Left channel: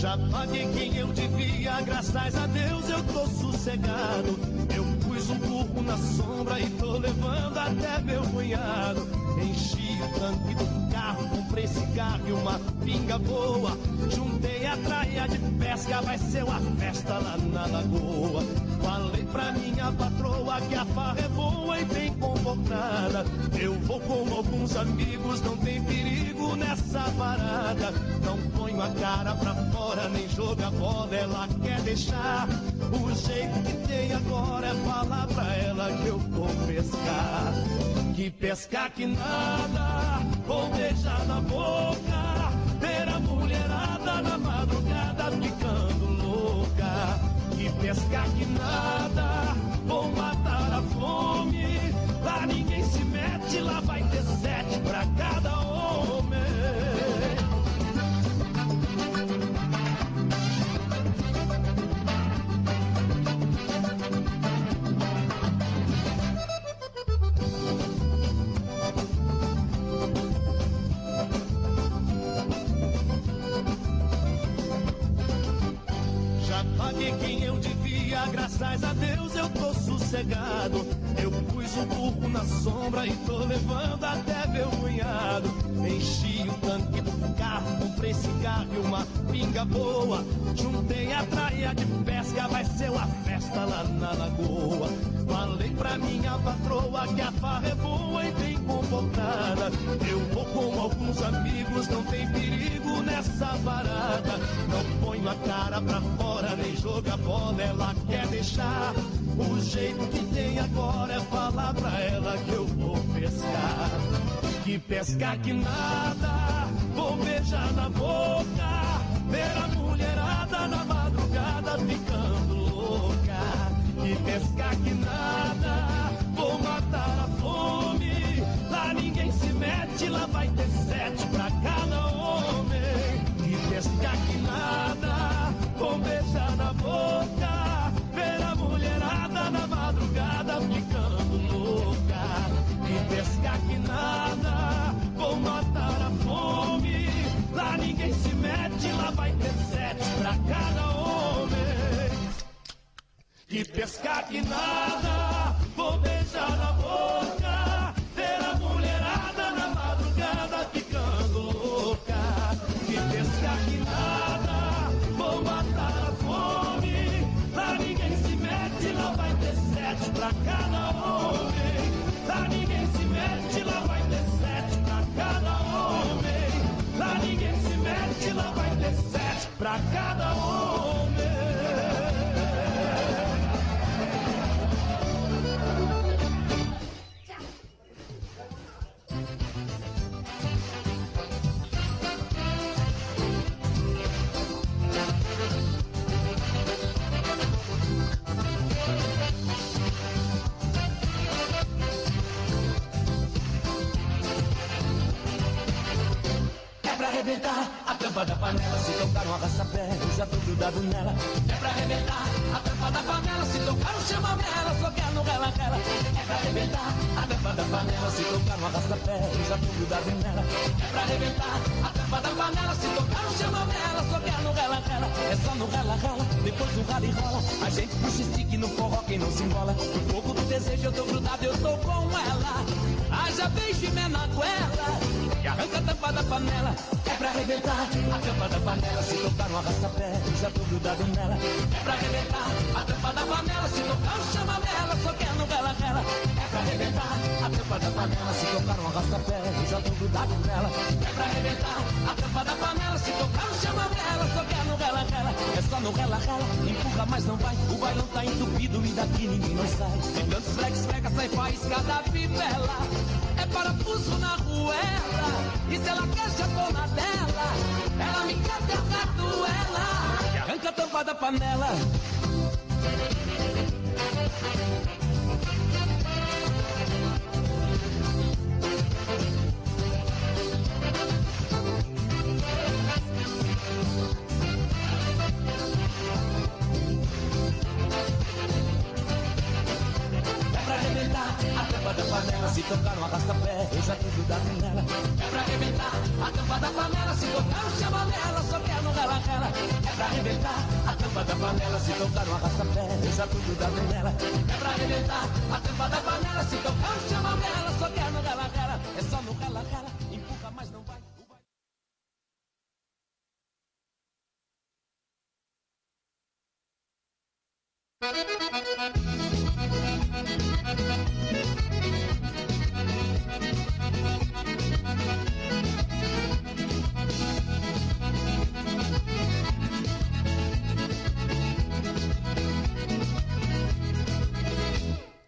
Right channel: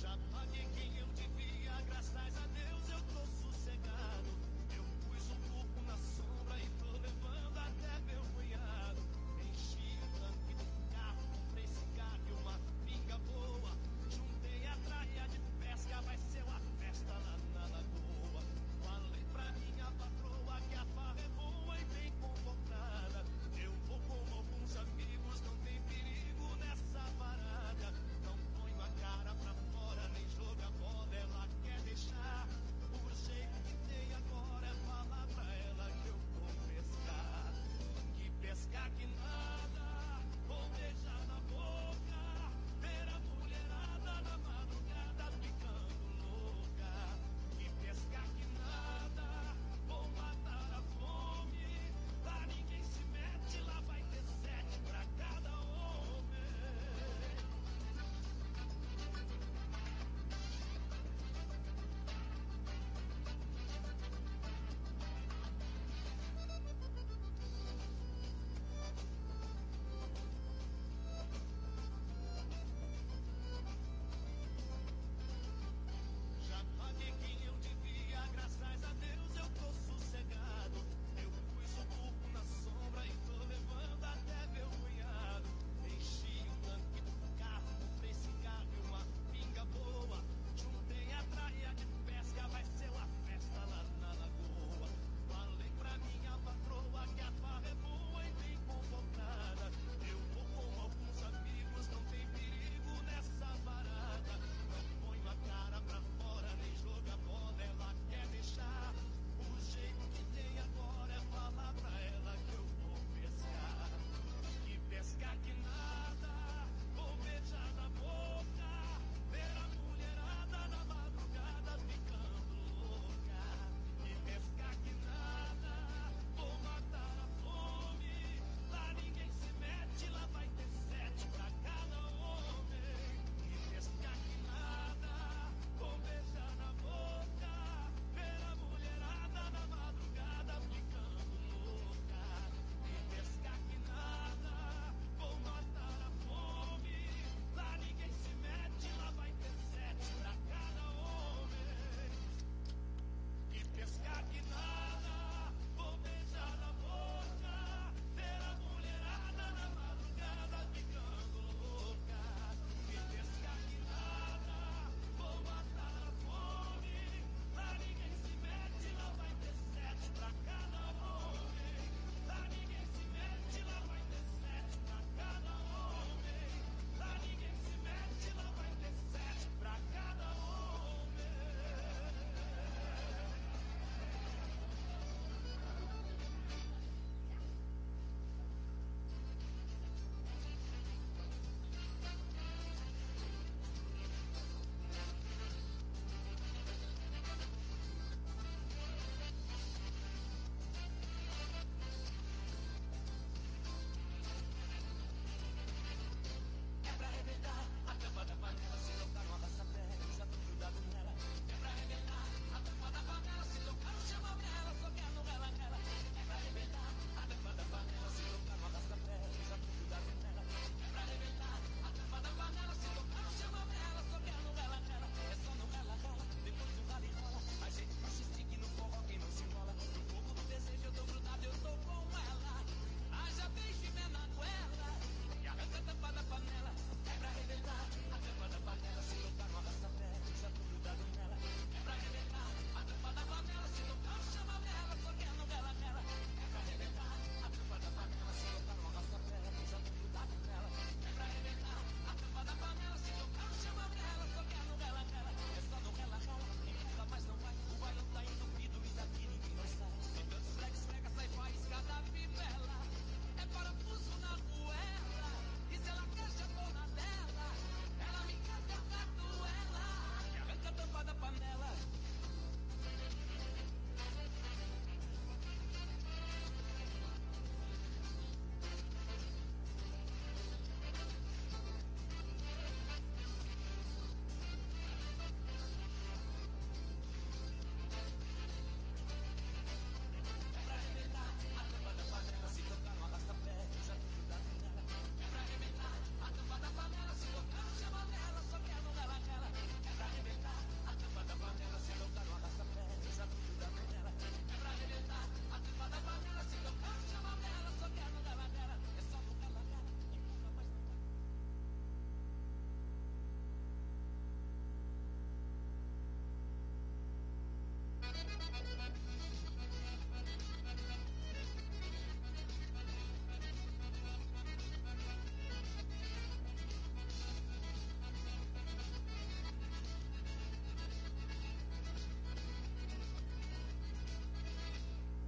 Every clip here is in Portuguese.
Já paguei quem eu devia, graças a Deus eu tô sossegado. Eu pus um burro na sombra e tô levando até meu cunhado. Enchi o tanque do carro, comprei cigarro e uma pinga boa. Juntei a traia de pesca, vai ser uma festa lá na lagoa. Falei pra minha patroa que a farra é boa e bem comportada. Eu vou com alguns amigos, não tem perigo nessa parada. Não ponho a cara pra fora, nem joga bola, ela quer deixar. O jeito que tem agora é falar pra ela que eu vou pescar. Que pescar que nada, vou beijar na boca. Ver a mulherada na madrugada ficando louca. Que pescar que nada, vou matar a fome. Lá ninguém se mete, lá vai ter 7 pra cada homem. Paguei quem eu devia, graças a Deus eu tô sossegado. Eu pus o burro na sombra e tô levando até meu cunhado. Enchi o tanque do carro, comprei cigarro e uma pinga boa. Juntei a traia de pesca, vai ser uma festa lá na lagoa. Falei pra minha patroa que a farra é boa e bem comportada. Eu vou com alguns amigos, não tem perigo nessa parada. Não ponho a cara pra fora, nem joga bola, ela quer deixar. O jeito que tem agora é falar pra ela que eu vou pescar. Que pescar que nada, vou beijar na boca. Ver a mulherada na madrugada ficando louca. Que pescar que nada, vou matar a fome. Lá ninguém se mete, lá vai ter 7 pra cada homem. Que pescar que nada, vou beijar na boca. Ver a mulherada na madrugada ficando louca. Que pescar que nada, vou matar a fome. Lá ninguém se mete, lá vai ter 7 pra cada homem. Que pescar que nada, vou beijar na boca. Ver a mulherada na madrugada ficando louca. Que pescar que nada, vou matar a fome. Lá ninguém se mete, lá vai ter 7 pra cada homem. Lá ninguém se mete, lá vai ter 7 pra cada homem. Lá ninguém se mete, lá vai ter 7 pra cada homem. Arrebentar a tampa da panela, se tocar um arrasta-pé, eu já tô grudado nela. É pra arrebentar a tampa da panela, se tocar um chama-mela, só quer no rela-rela. É pra arrebentar a tampa da panela, se tocar um arrasta-pé, eu já tô grudado nela. É pra arrebentar a tampa da panela, se tocar um chama-mela, só quer no rela-rela. É só no rela-rela, depois do rala e rola. A gente puxa stick no forró, quem não se embola. No fogo do desejo eu tô grudado, eu tô com ela. Haja beijo e na goela, e arranca a tampa da panela. É pra arrebentar a tampa da panela, se tocar um arrasta-pé, eu já tô grudado nela. É pra arrebentar a tampa da panela, se tocar um chama-mela, só quer no rela-rela. É pra arrebentar a tampa da panela, se tocar um arrasta-pé, eu já tô grudado nela. É pra arrebentar a tampa da panela, se tocar um chama-mela, só quer no rela-rela. É só no rela-rela, empurra mas não vai, o bailão tá entupido e daqui ninguém não sai. De tantos flex-fleca sai faísca da fivela. É parafuso na ruela, e se ela quer já tô na dela. Ela me quer ter na duela, que arranca a tampa da panela. Se tocar no arrasta-pé, eu já tô grudado nela. É pra arrebentar a tampa da panela. Se tocar no chama-mela, só quer no rela-rela. É panela, se tocar no arrasta-pé, eu já tô grudado nela. É pra arrebentar a tampa da panela, se tocar no chamamela, só quer no rala-rala, é só no rala-rala, empurra, mas não vai.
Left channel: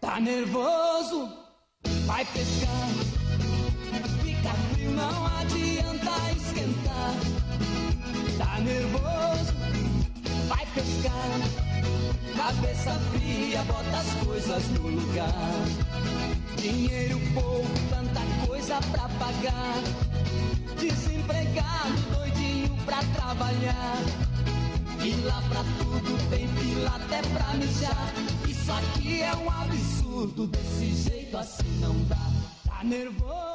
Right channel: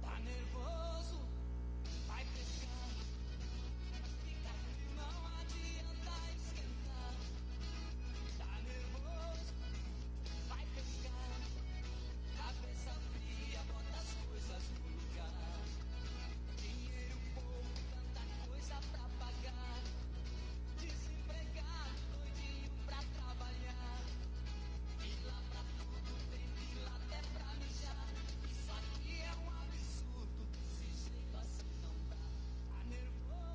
Tá nervoso? Vai pescar. Fica frio, não adianta esquentar. Tá nervoso? Vai pescar. Cabeça fria, bota as coisas no lugar. Dinheiro pouco, tanta coisa pra pagar. Desempregado, doidinho pra trabalhar. Fila pra tudo, tem fila até pra mijar. Isso aqui é um absurdo, desse jeito assim não dá. Tá nervoso?